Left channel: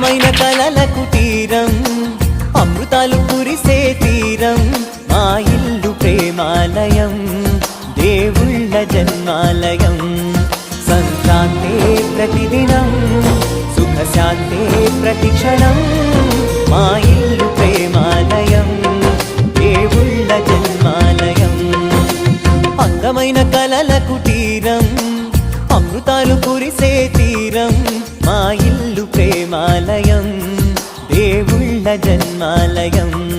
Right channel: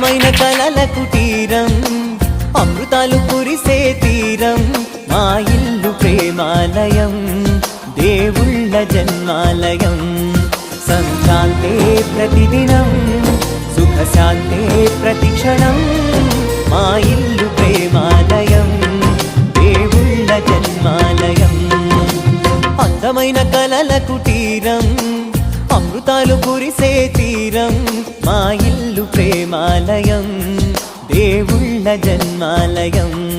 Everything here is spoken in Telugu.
అందమైన కలల కుటీరం, అమృతాలు కురిసే తీరం, మా ఇల్లు ప్రేమాలయం, దేవుళ్ళ జన్మాలయం. సంక్రాంతే ప్రతిదినం, సుఖశాంతే ప్రతిక్షణం, మా ఇల్లు ప్రేమాలయం, దేవుళ్ళ జన్మాలయం. అందమైన కలల కుటీరం, అమృతాలు కురిసే తీరం, మా ఇల్లు ప్రేమాలయం, దేవుళ్ళ జన్మాలయం.